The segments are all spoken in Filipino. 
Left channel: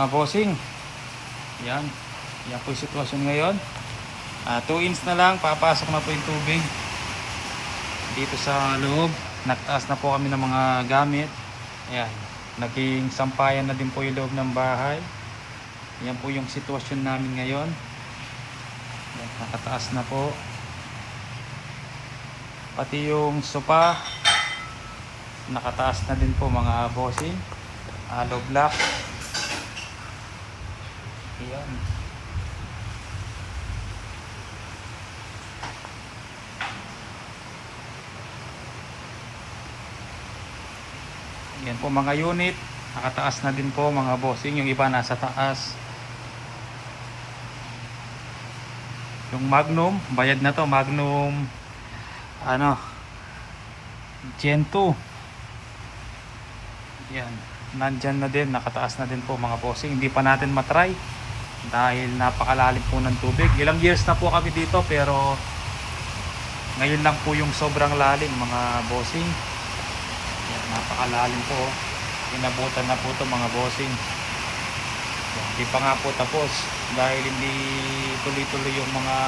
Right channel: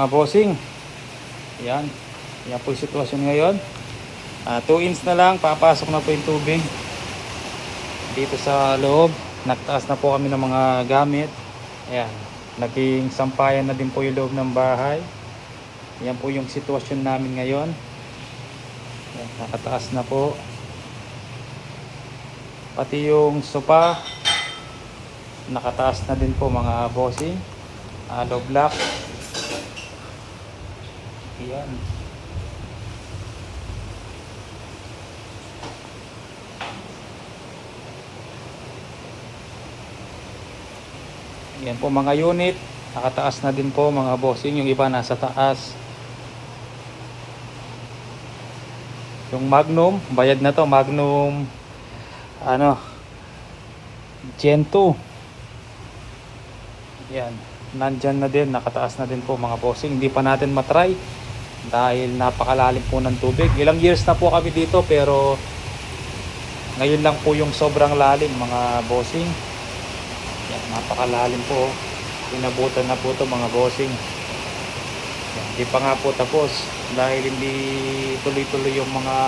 mga bossing. Yan. Yan po yung sitwasyon ngayon. 2 inch na lang. Papasok na po yung tubig. Dito sa loob. Nagtaas na po kami ng mga gamit. Yan. Naging sampayan na din po yung loob ng bahay. Yan po yung sitwasyon namin ngayon. Yan, nakataas na po. Pati yung sofa. Nakataas na din po mga bossing. Hollow block. Yan. Yan po mga unit. Nakataas na din po mga bossing. Yung iba nasa taas. Yung Magnum. Bayad na to. Magnum. Gen 2. Yan. Nandyan na din. Nakataas na din po mga bossing. Hindi pa natin matry. Dahil napakalalim po ng tubig. Ilang years na po kami dito. Pero ngayon lang po yung sobrang lalim mga bossing. Yan, napakalalim po. Inabutan na po ito mga bossing. Hindi pa nga po tapos. Dahil hindi tuloy-tuloy yung mga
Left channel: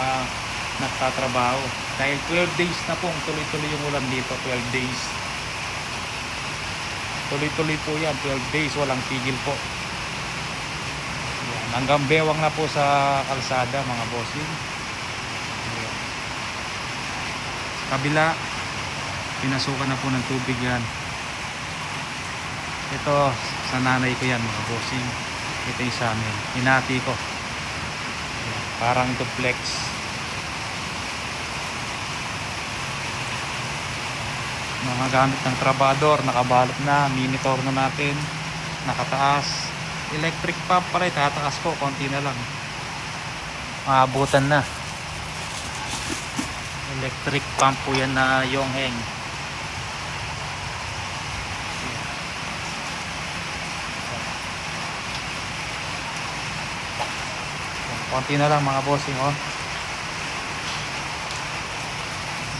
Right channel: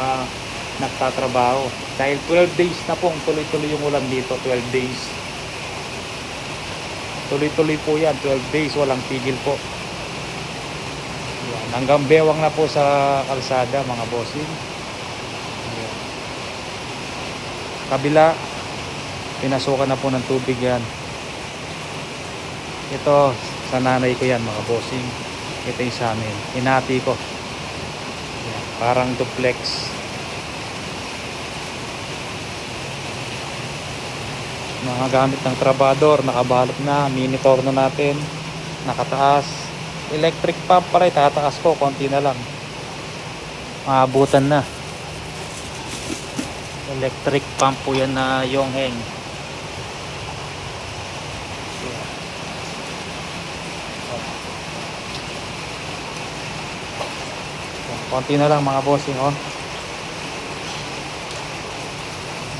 nagtatrabaho. Dahil 12 days na po. Tuloy-tuloy yung ulan dito. 12 days. Tuloy-tuloy po yan. 12 days. Walang tigil po. Yan. Hanggang bewang na po sa kalsada mga bossing. Yan. Sa kabila. Pinasukan na po ng tubig yan. Ito sa nanay ko yan mga bossing. Ito yung sa amin. Hinati ko. Yan. Parang duplex. Mga gamit ng trabador, nakabalot na, monitor na natin, nakataas. Electric pump pa rin, tataas ko, konti na lang. Maabutan na. Electric pump po yan na Yongheng. Konti na lang mga bossing, oh.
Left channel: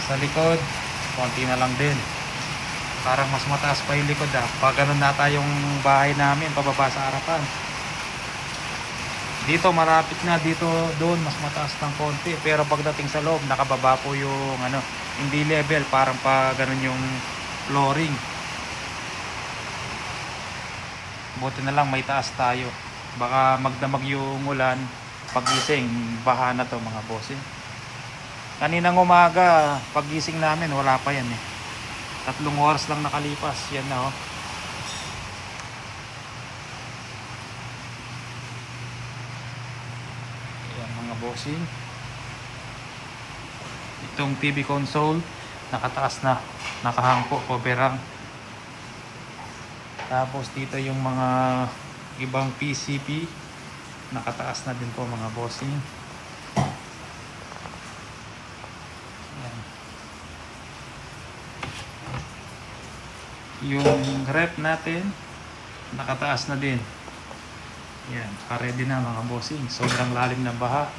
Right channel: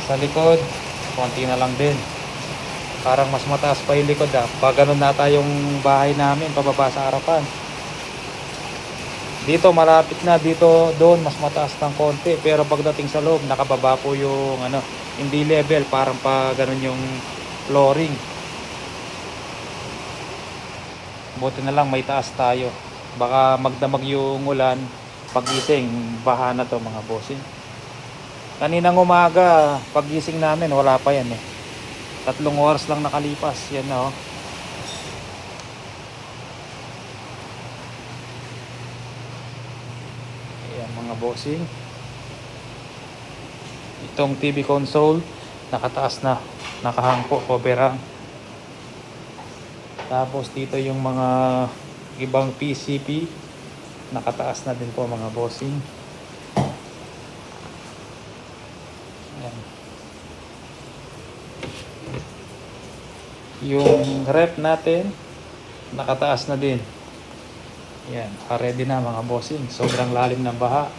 Sa likod, konti na lang din. Parang mas mataas pa yung likod pag ganun na tayong bahay namin pababa sa harapan. Dito malapit na, dito doon mas mataas ng konti, pero pagdating sa loob nakababa po yung hindi level, parang pa ganun yung flooring. Buti na lang may taas tayo, baka magdamag yung ulan pagising, baha na to mga bossing. Kaninang umaga, paggising namin, wala pa yan 3 oras lang nakalipas. Yan na Ayan mga bossing. Itong TV console, nakataas na. Nakahang po, coverhang. Tapos dito yung mga ibang PCP, nakataas na din po mga bossing. Yung rep natin nakataas na din. Yan, ready na mga bossing. Sobrang lalim ng baha.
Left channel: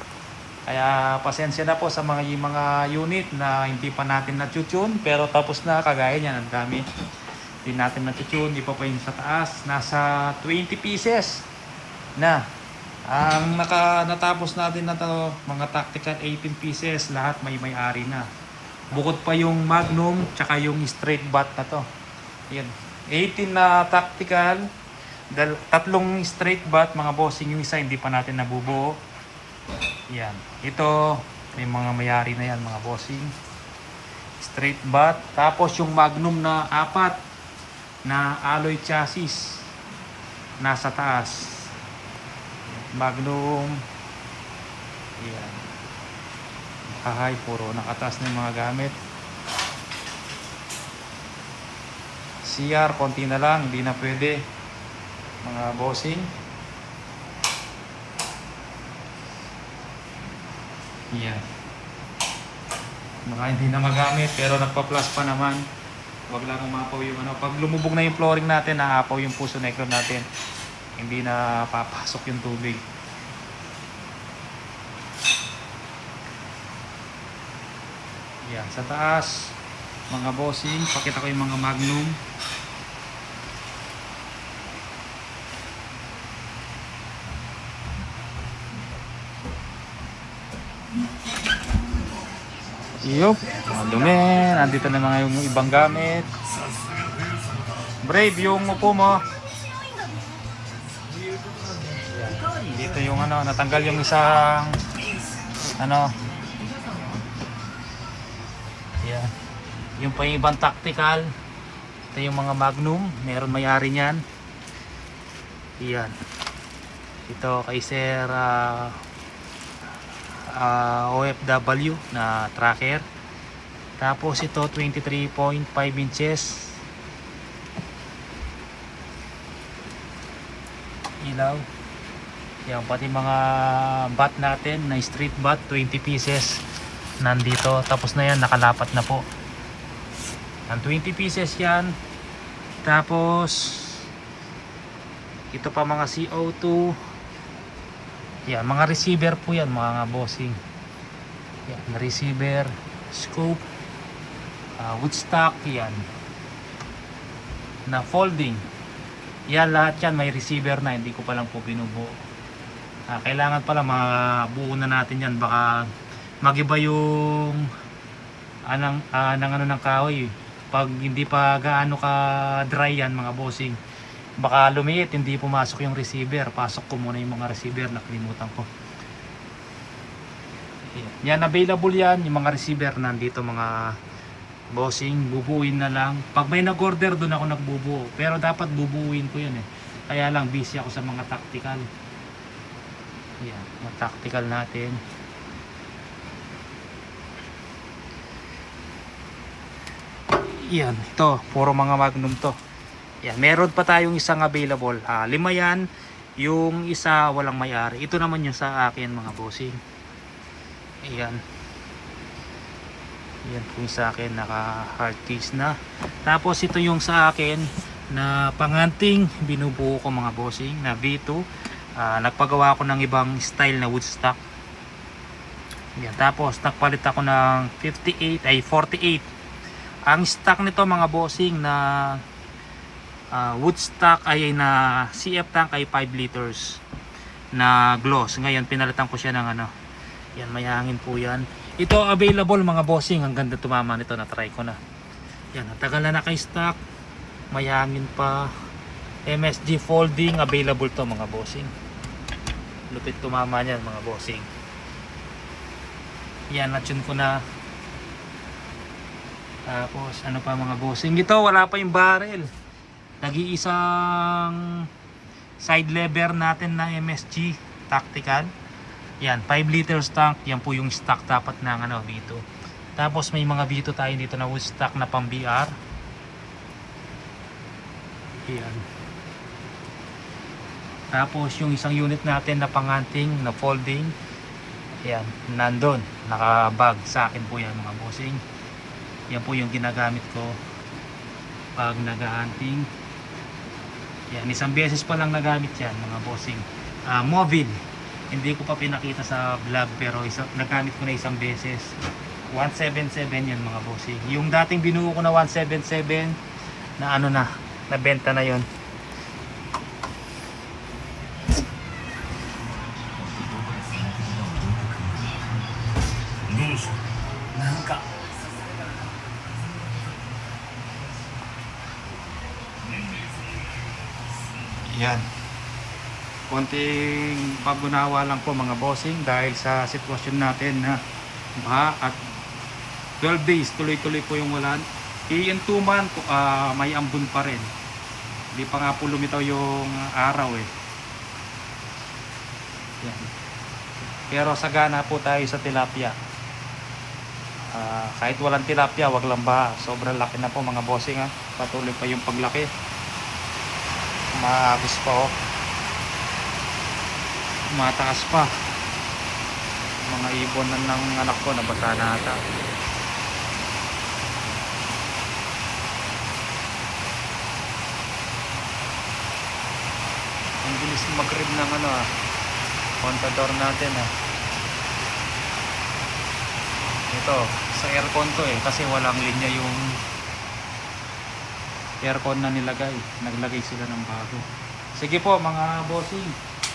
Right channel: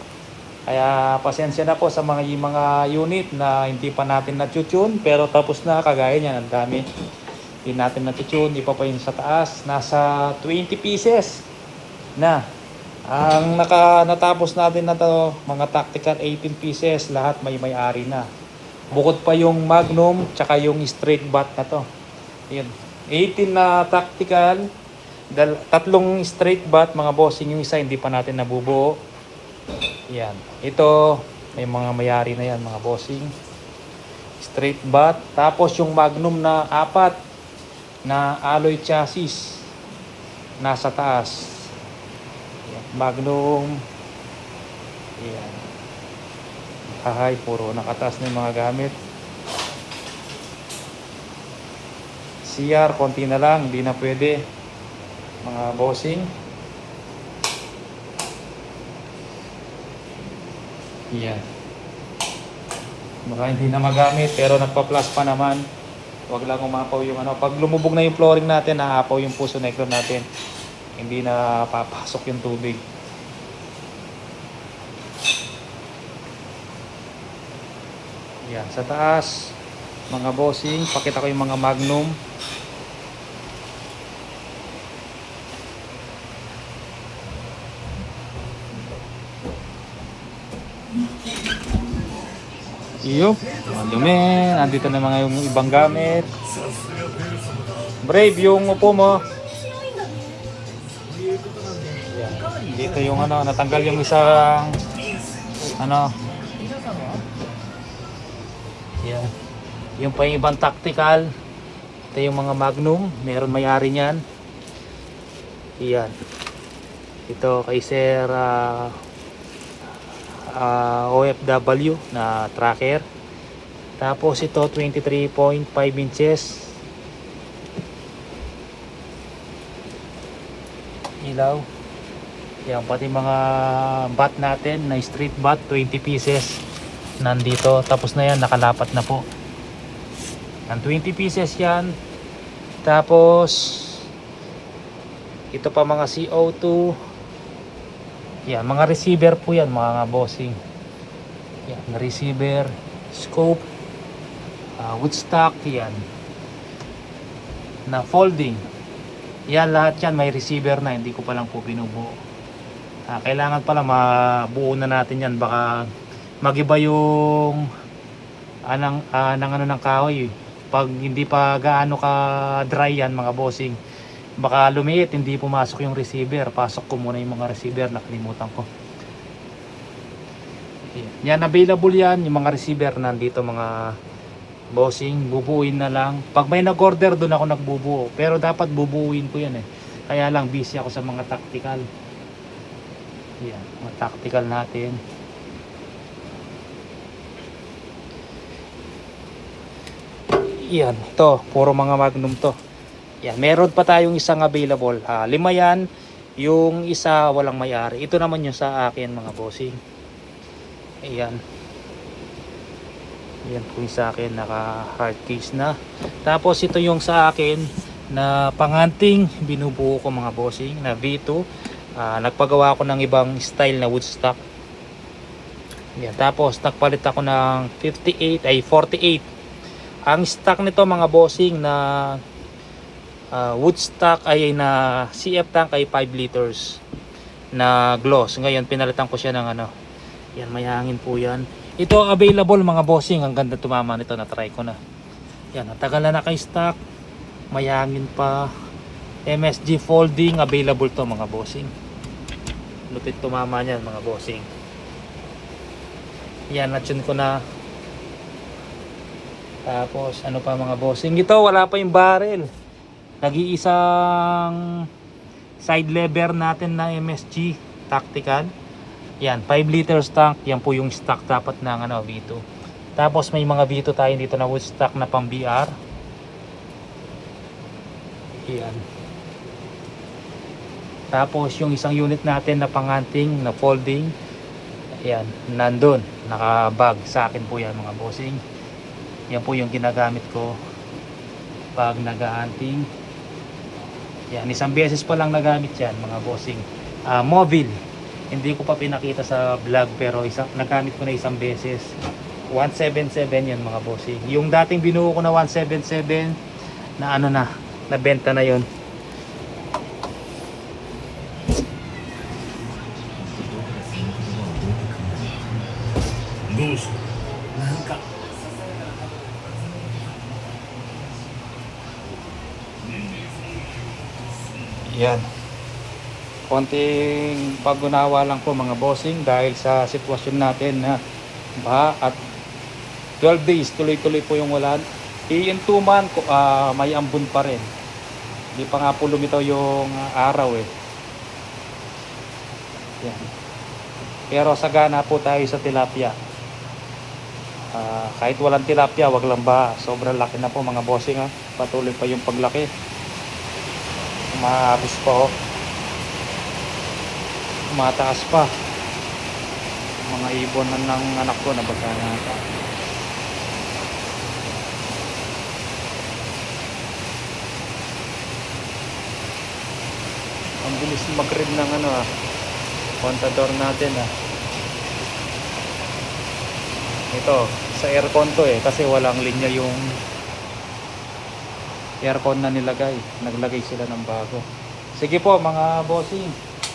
Kaya pasensya na po sa mga unit na hindi pa natin na-tune, pero tapos na, kagaya niyan, ang dami. Hindi natin na-tune, di pa yun sa taas. Nasa 20 pieces na. Ang natapos natin na to, mga tactical 18 pieces, lahat may-ari na. Bukod pa yung Magnum, tsaka yung straight bat na to. Yan. 18 na tactical, 3 straight bat mga bossing, yung isa hindi pa natin nabubuo. Yan. Ito may mga mayari na yan mga bossing. Straight bat. Tapos yung Magnum na 4 na alloy chassis nasa taas. Yan. Magnum. Yan. Kahay, puro nakataas na yung mga gamit. CR, konti na lang, hindi na pwede mga bossing. Yan. Baka hindi na magamit, pero nagpa-plus pa naman. Huwag lang umapaw yung pag lumubog na yung flooring natin, naapaw yung puso necro natin. Hindi na papasok yung tubig. Yan, sa taas mga bossing, pakita ko yung mga Magnum. Yup, dumi. Andito na mga yung ibang gamit. Brave, yung upo mo. Dito yung ano, natanggal yung isang ano. Yan. Yung pa yung ibang tactical. Ito yung mga Magnum, meron may-ari niyan. Yan. Ito kay Sir OFW na tracker. Tapos ito 23.5 inches. Ilaw. Yan, pati mga bat natin na street bat, 20 pieces nandito. Tapos na yan, nakalapat na po. Yan, 20 pieces yan. Tapos ito pa mga CO2. Yan, mga receiver po yan mga bossing. Yan, receiver, scope, woodstock, yan. Na folding. Yan, lahat yan may receiver na, hindi ko pa lang po binubuo. Kailangan pala mabuo na natin yan, baka magiba yung ng kahoy. Pag hindi pa gaano ka dry yan mga bossing, baka lumiit, hindi pumasok yung receiver. Pasok ko muna yung mga receiver, nakalimutan ko. Yan, available yan yung mga receiver nandito mga bossing. Bubuuin na lang. Pag may nag-order, doon ako nagbubuo, pero dapat bubuuin ko yan kaya lang busy ako sa mga tactical. Yan, yung tactical natin. Yan, ito puro mga Magnum to. Yan, meron pa tayong isang available. 5 yan. Yung isa walang may-ari. Ito naman yung sa akin mga bossing. Ayan. Yan po yung sa akin, naka hard case na. Tapos ito yung sa akin na panghunting, binubuo ko mga bossing na V2. Nagpagawa ako ng ibang style na woodstock. Yan, tapos nagpalit ako ng 48. Ang stock nito mga bossing na woodstock ay na CF tank ay 5 liters na gloss. Ngayon pinalitan ko siya ng ano. Yan, may hangin po yan. Ito available mga bossing. Ang ganda tumama nito, na try ko na. Yan, ang tagal na naka-stock. May hangin pa. MSG folding available to mga bossing. Lupit tumama niyan mga bossing. Yan, natsin ko na. Tapos ano pa mga bossing, ito wala pa yung barrel. Nag-iisang side lever natin na MSG tactical. Yan, 5 liters tank. Yan po yung stock dapat ng V2. Tapos may mga V2 tayo dito na woodstock na pang BR. Yan. Tapos yung isang unit natin na panghunting na folding, yan, nandun, naka-bag sa akin po yan mga bossing. Yan po yung ginagamit ko pag nag-hunting. Yan, isang beses pa lang nagamit yan mga bossing. Mobile, hindi ko pa pinakita sa vlog, pero nagamit ko na isang beses. 177 yan mga bossing. Yung dating binuo ko na 177 na ano na, nabenta na yon. Yan. Konting pag-unawa lang po mga bossing dahil sa sitwasyon natin na at 12 days tuloy-tuloy po yung ulan. Yung 2 months may ambon pa rin. Hindi pa nga po lumitaw yung araw Yan. Pero sagana po tayo sa tilapia. Kahit walang tilapia, wag lang ba, sobrang laki na po mga bossing. Patuloy pa yung paglaki. Maabis pa mataas pa. Ang ibon ng anak ko na baka nata. Ang bilis mag-read ng contador natin ito sa aircon to kasi walang linya yung aircon na nilagay. Naglagay sila ng bago. Sige po mga bossing,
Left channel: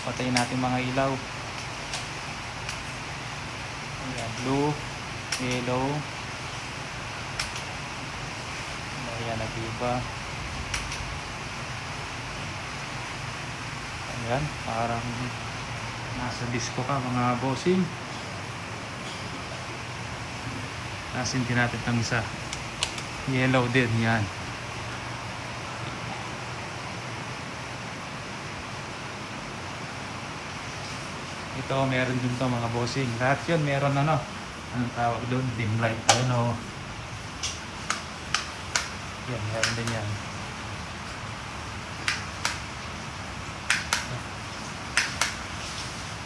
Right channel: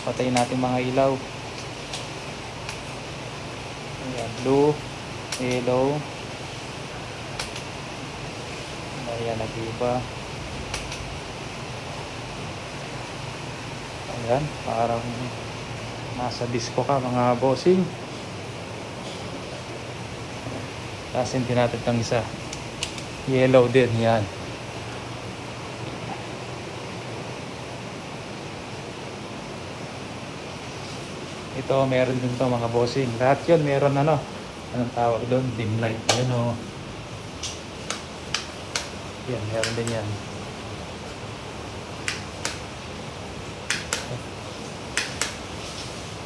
patayin natin mga ilaw. Ayan, blue, yellow, Ayan, nag-iba. Ayan, parang nasa disco ka mga bossing. Tapos yung tinapit ng isa. Yellow din, yan. Ito, meron din to mga bossing. Lahat yun, meron ano. Anong tawag doon? Dim light. Ano? Yun, meron din yan.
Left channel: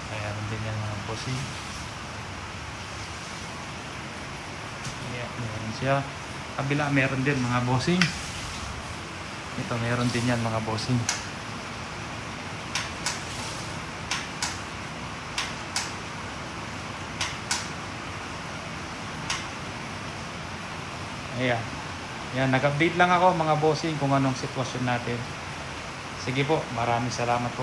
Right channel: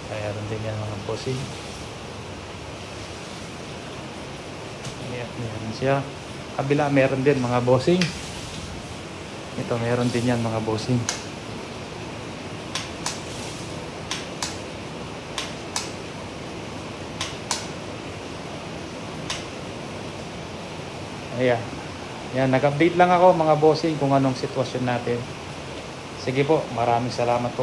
Meron din yan mga bossing. Ayan, meron siya. Kabila, meron din mga bossing. Ito, meron din yan mga bossing. Ayan. Yan, nag-update lang ako mga bossing kung anong sitwasyon natin. Sige po, maraming salamat po.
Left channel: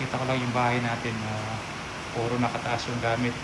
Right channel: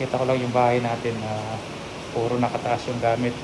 Kita ko lang yung bahay natin na puro nakataas yung gamit.